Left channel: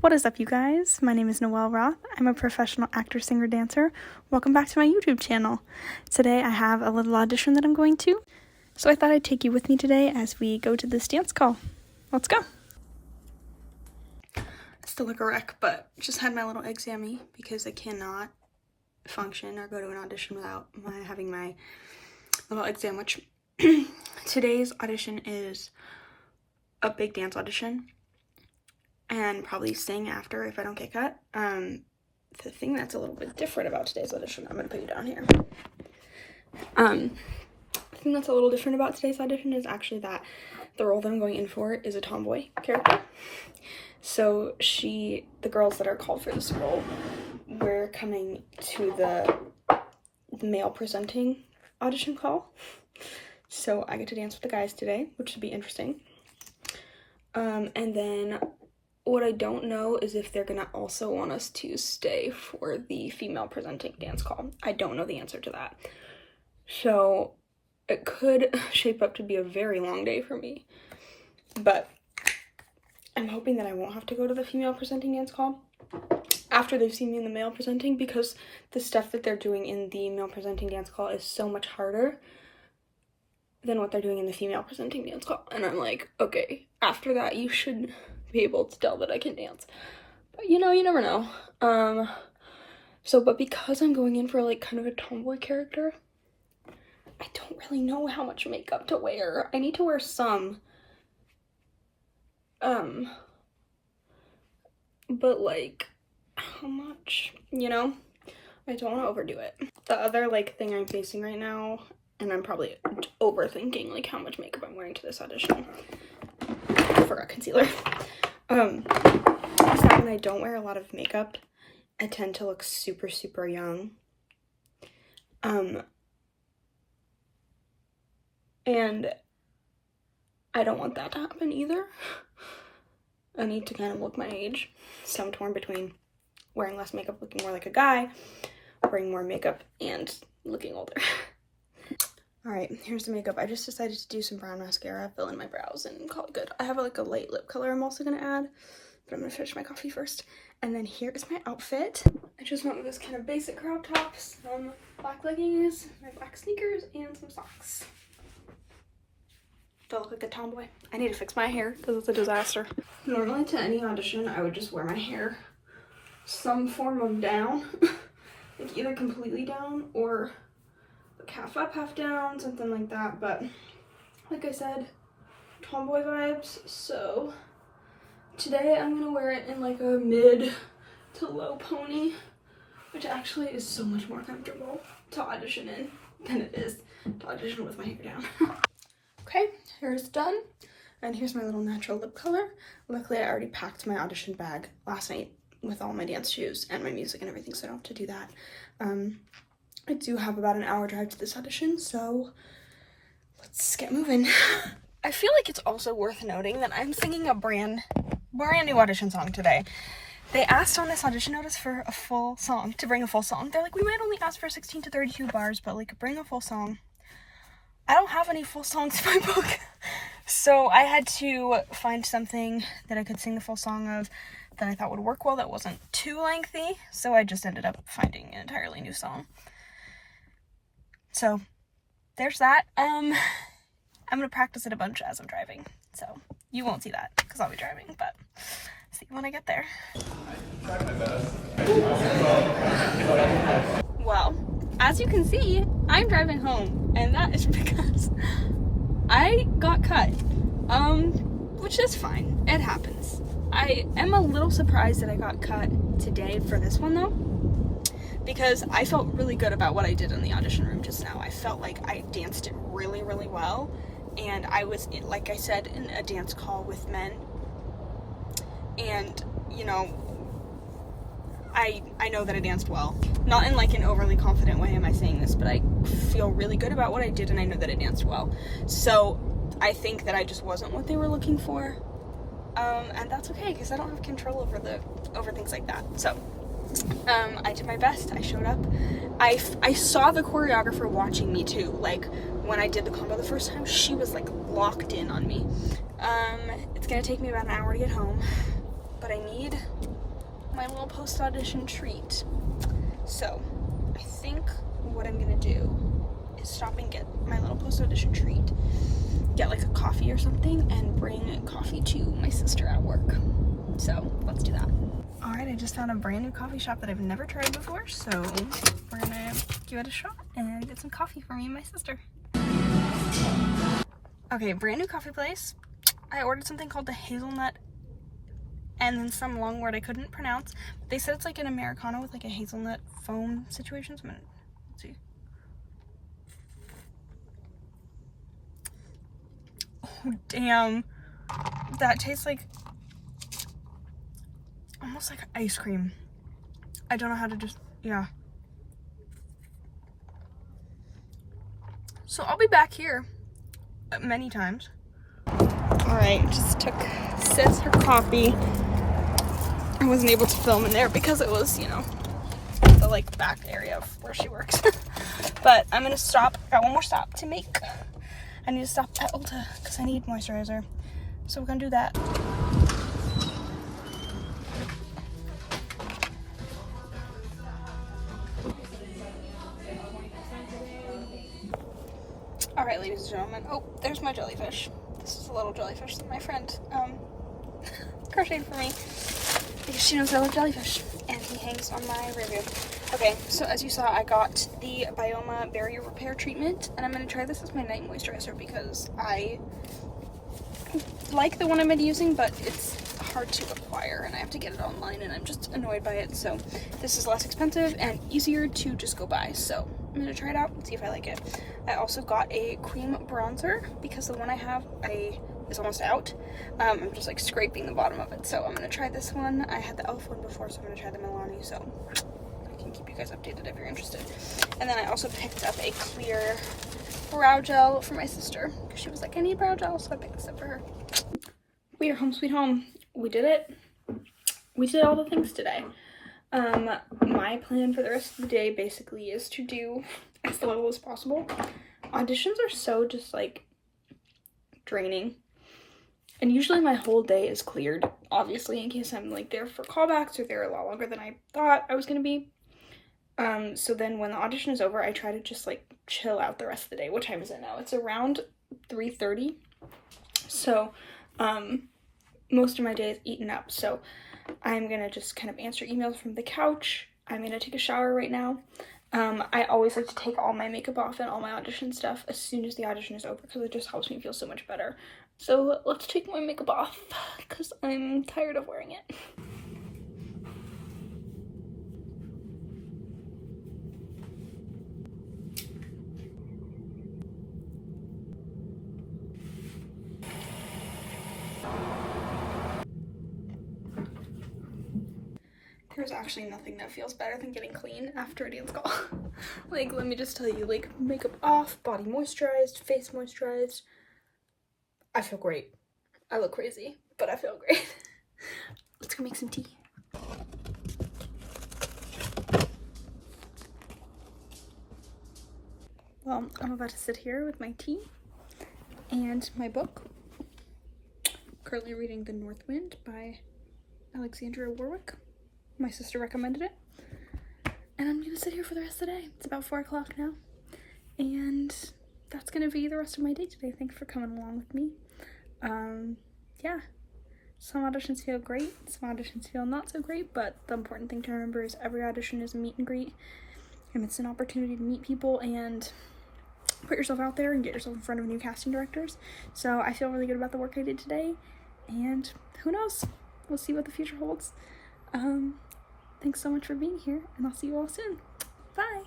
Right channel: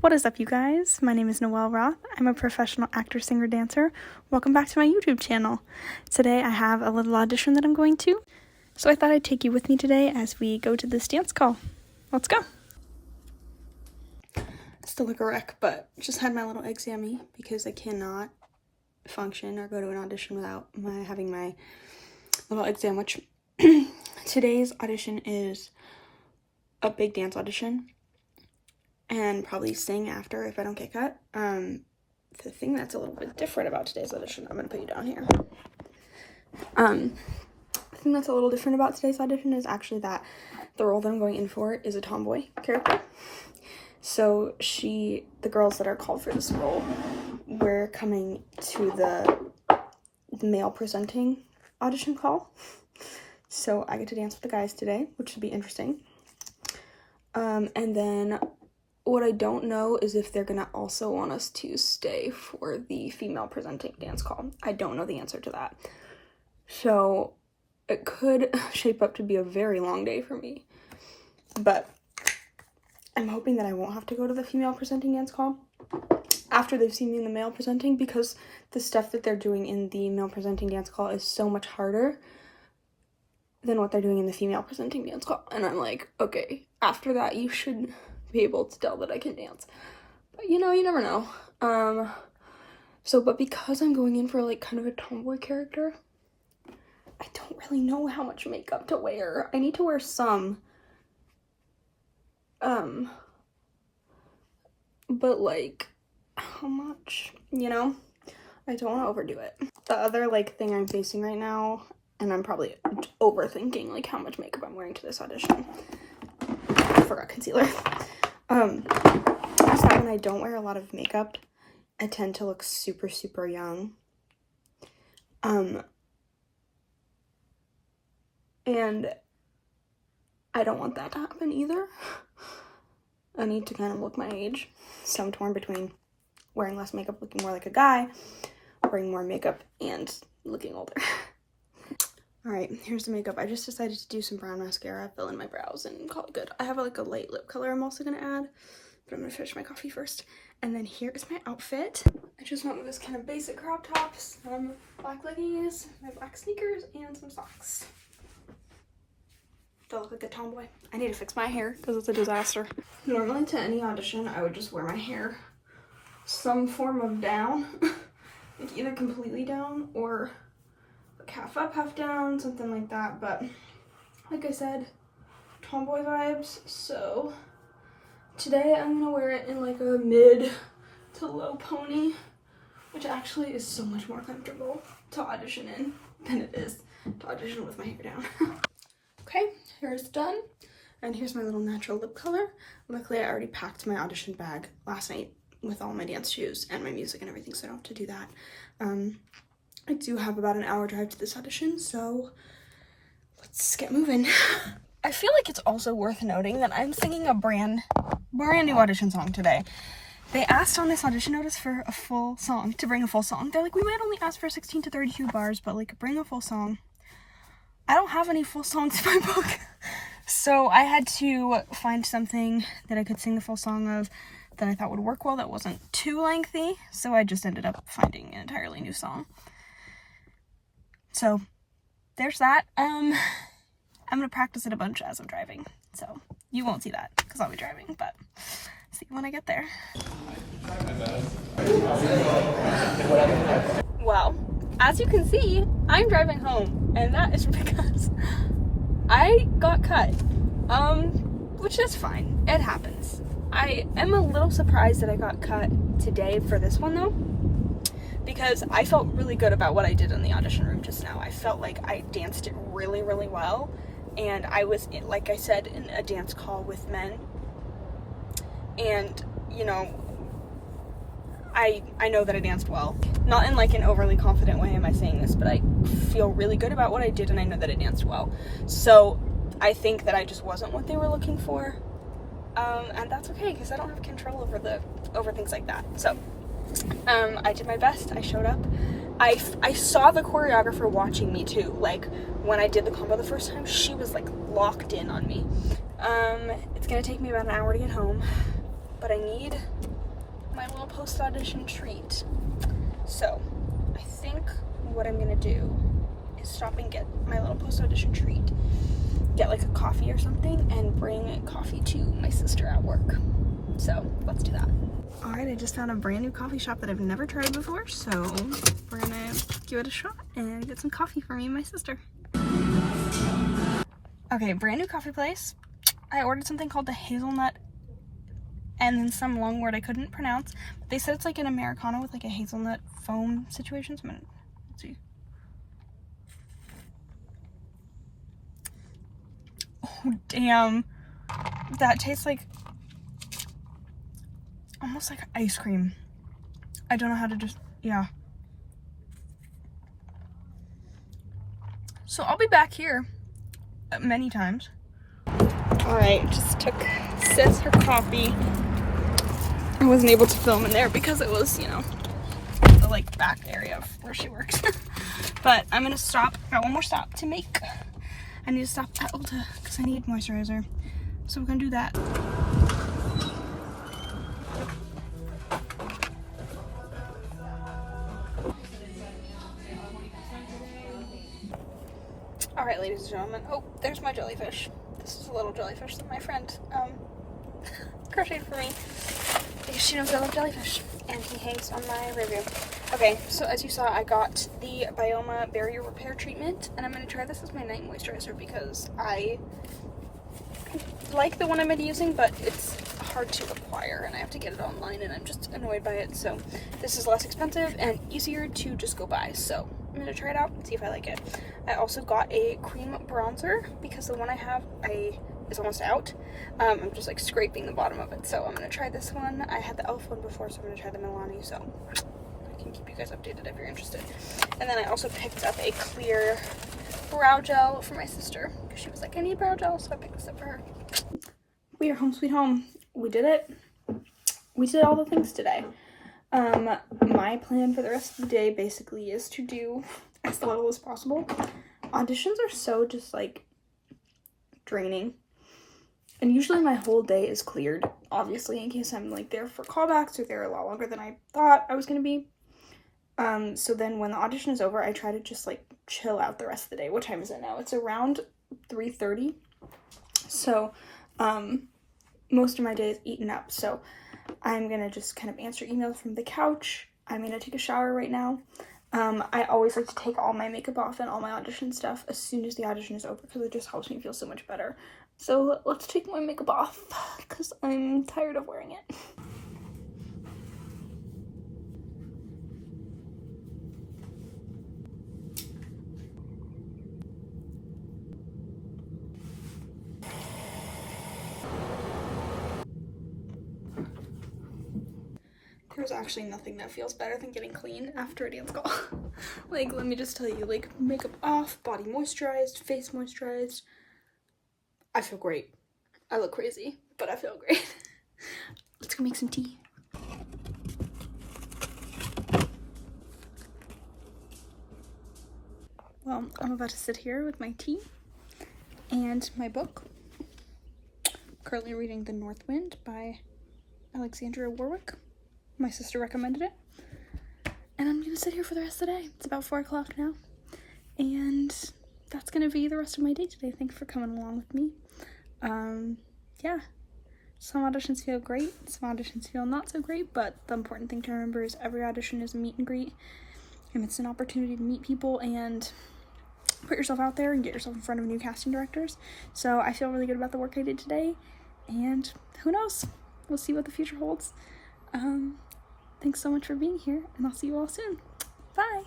What is up, you guys? My name is Noelle Roth. I'm a professional actor, singer, dancer. Welcome back to my YouTube channel. Today I have a little audition that I'm going to, so I thought I'd take you with me today as we go to this dance call. Let's go. Still look a wreck, but just had my little exam because I cannot function or go to an audition without having my little exam, which today's audition is a big dance audition. And probably sing after if I don't get cut. The thing that's a little bit different about today's audition, I'm gonna put you down here. The thing that's a little different about today's audition is actually that the role that I'm going in for is a tomboy character. So the girls that are called for this role, we're coming to the male presenting audition call. So I get to dance with the guys today, which should be interesting. And then what I don't know is if they're gonna also want us to stay for the female presenting dance call. I don't know the answer to that. So it could shape up to be a very long day for me. But I'm hoping that I won't have to go to the female presenting dance call after they've seen me in the male presenting, because the stuff that they're doing in the male presenting dance call is so much harder than what they're doing in the female presenting dance call. And I'm like, okay, after that you should be able to tell that I can dance. But you know, you never know. But because I'm going in for like kind of a tomboy character, I don't really know how much makeup to wear. I need to wear some. But like, how much? You know? I don't want to overdo it. The other like thing I'm facing right now, and I'm probably overthinking like how much makeup I'm wearing to this audition. I forgot concealer. Is that when I don't wear a lot of makeup, I tend to look super, super young. And I don't want that to happen either. I need to kind of look my age. So I'm torn between wearing less makeup, looking more like a guy, wearing more makeup, and looking older. Alright, here's the makeup. I just decided to do some brown mascara, fill in my brows, and call it good. I have like a light lip color I'm also going to add, but I'm going to finish my coffee first. And then here is my outfit. I just went with this kind of basic crop top, some black leggings, my black sneakers, and some socks. Do I look like a tomboy? I need to fix my hair because it's a disaster. Normally to any audition, I would just wear my hair some form of down. Like either completely down or half up, half down, something like that. But like I said, tomboy vibes. So today I'm gonna wear it in like a mid to low pony, which actually is so much more comfortable to audition in than it is to audition with my hair down. Okay, hair's done, and here's my little natural lip color. Luckily I already packed my audition bag last night with all my dance shoes and my music and everything, so I don't have to do that. I do have about an hour drive to this audition, so let's get moving. I feel like it's also worth noting that I'm singing a brand new audition song today. They asked on this audition notice for a full song, to bring a full song. They're like, we might only ask for 16 to 32 bars, but like bring a full song. I don't have any full songs in my book, so I had to find something that I could sing the full song of that I thought would work well, that wasn't too lengthy, so I just ended up finding an entirely new song. So there's that. I'm gonna practice it a bunch as I'm driving, so you won't see that because I'll be driving, but see you when I get there. Well, as you can see, I'm driving home, and that is because I got cut, which is fine. It happens. I am a little surprised that I got cut today for this one though, because I felt really good about what I did in the audition room just now. I felt like I danced it really, really well, and I was, like I said, in a dance call with men, and, you know, I know that I danced well. Not in like an overly confident way am I saying this, but I feel really good about what I did, and I know that I danced well. So I think that I just wasn't what they were looking for, and that's okay, because I don't have control over things like that. So I did my best. I showed up. I saw the choreographer watching me too. Like when I did the combo the first time, she was like locked in on me. It's gonna take me about an hour to get home, but I need my little post-audition treat. So I think what I'm gonna do is stop and get my little post-audition treat, get like a coffee or something, and bring coffee to my sister at work. So let's do that. All right, I just found a brand new coffee shop that I've never tried before, so we're gonna give it a shot and get some coffee for me and my sister. Okay, brand new coffee place. I ordered something called the hazelnut and then some long word I couldn't pronounce. But they said it's like an Americano with like a hazelnut foam situation. So I'm gonna, let's see. Oh, damn. That tastes like, almost like ice cream. I don't know how to just, yeah. So I'll be back here many times. All right, just took Sis her coffee. I wasn't able to film in there because it was, you know, the like back area of where she works. But I'm gonna stop. I got one more stop to make. I need to stop at Ulta because I need moisturizer. So we're gonna do that. All right, ladies and gentlemen. Oh, there's my jellyfish. This is a little jellyfish that my friend crocheted for me because she knows I love jellyfish, and he hangs on my review. Okay, so as you saw, I got the Bioma Barrier Repair Treatment, and I'm going to try this as my night moisturizer because I like the one I'm using, but it's hard to acquire, and I have to get it online, and I'm just annoyed by it. So this is less expensive and easier to just go buy, so I'm going to try it out and see if I like it. I also got a cream bronzer because the one I have is almost out. I'm just like scraping the bottom of it, so I'm going to try this one. I had the e.l.f. one before, so I'm going to try the Milani, so I can keep you guys updated if you're interested. And then I also picked up a clear brow gel for my sister because she was like, I need brow gel, so I picked this up for her. We are home sweet home. We did it. We did all the things today. My plan for the rest of the day basically is to do as little as possible. Auditions are so just like draining. And usually my whole day is cleared, obviously, in case I'm like there for callbacks or there a lot longer than I thought I was gonna be. So then when the audition is over, I try to just like chill out the rest of the day. What time is it now? It's around 3:30. So most of my day is eaten up. So I'm gonna just kind of answer emails from the couch. I'm gonna take a shower right now. I always like to take all my makeup off and all my audition stuff as soon as the audition is over because it just helps me feel so much better. So let's take my makeup off because I'm tired of wearing it. There's actually nothing that feels better than getting clean after a dance call. Like, let me just tell you, like, makeup off, body moisturized, face moisturized. I feel great. I look crazy, but I feel great. Let's go make some tea. Well, I'm about to sit here with my tea and my book. Currently reading The North Wind by Alexandria Warwick. My sister recommended it. And I'm gonna sit here for the rest of the day. It's about 4 o'clock now. And that's gonna be the rest of my day today. Thanks for coming along with me. Yeah. Some auditions feel great, some auditions feel not so great, but the important thing to remember is every audition is a meet and greet. And it's an opportunity to meet people and put yourself out there and get yourself in front of new casting directors. So I feel really good about the work I did today. And who knows? We'll see what the future holds. Thanks so much for being here, and I'll see you all soon. Bye!